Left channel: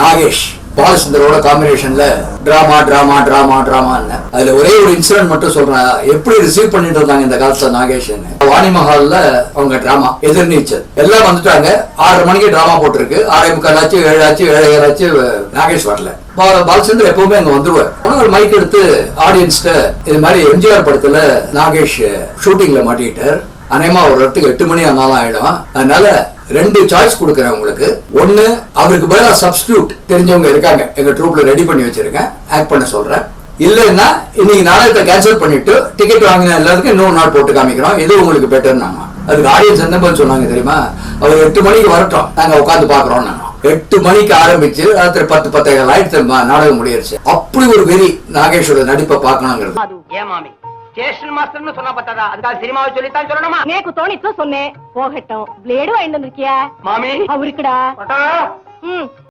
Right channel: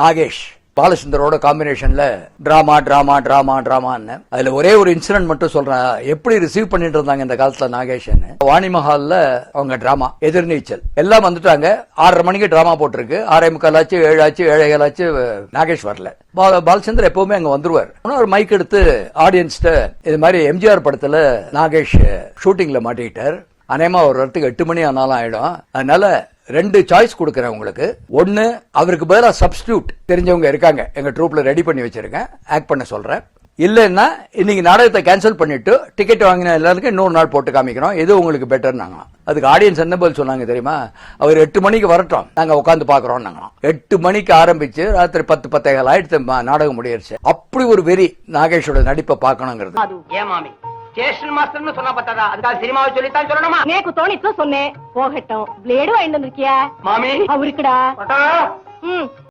நாகேஷ் பாலச்சந்தரோட காம்பினேஷன்ல drama drama drama டிராமான்னு அதுல ஒரே ஒரு இன்சிடென்ட் மட்டும் சொல்றேன். எப்படி ரிசீவ் பண்ணிட்டு இருந்தாங்க இந்த காலத்துல நாகேஷ் வாணி மஹால்ல அவங்க டிராமா எதிர்நீச்சல் எல்லாம் வந்துட்டாங்க. 6:30 மணிக்கு டிராமா போட்டிருக்கு. 6:45 ஆச்சு, 7 ஆச்சு, 7:30 ஆச்சு. நாகேஷ் வரல. பாலச்சந்தர் எப்பவுமே அங்க வந்துருவார். ஒரு மைக் எடுத்து ஆடியன்ஸ்ட இது மாதிரி எம்ஜிஆர் படத்துல நாகேஷ் ஷூட்டிங்ல மாட்டிக்கிட்டார். அநேகமா ஒரு இடத்துக்கு 8 மணி ஆனாலும் ஆயிடும். அதனால 2 சாய்ஸ் கொடுக்குறேன் உங்களுக்கு. ஒண்ணு, அவருக்கு பதிலா சப்ஸ்டியூட் தெரிஞ்சவங்க இருக்காங்க, எங்க ட்ரூப்ல ரெடி பண்ணி வச்சிருக்கேன், ஆக்ட் பண்ண சொல்றேன். இல்லைன்னா இன்னைக்கு நாடகத்தை கேன்சல் பண்ணிட்டு டிக்கெட் வாங்கின எல்லாத்துக்கும் இன்னொரு நாள் போட்டு காமிக்கிறோம், இது உங்களுக்கு பெட்டர்னாங்க. அதுக்கு ஆடியன்ஸ் எந்த பதில் சொன்னாங்க தெரியுமா? அவர் 8 மணிக்கு வரட்டும், நாங்க உட்காந்து பாக்குறோம். 8 மணிக்கு ஆரம்பிச்சு ராத்திரி 10-10:15 ஆயிடுச்சு நாடகம் முடியிருச்சு. அப்படி ஒரு வெறி நாகேஷோட நடிப்பை பார்க்கணுங்கிறது. ஸ்டேஷன் மாஸ்டர்னு சொன்னா பத்தாதா? அதுக்காக சினிமாவை சொல்லித்தான் சொல்லணுமா? நேக்கு தோணித்து சொன்னேன். போகட்டும். பிளேடு வாங்கிட்டு வந்திருக்கியா? மாமி அவருக்குடா.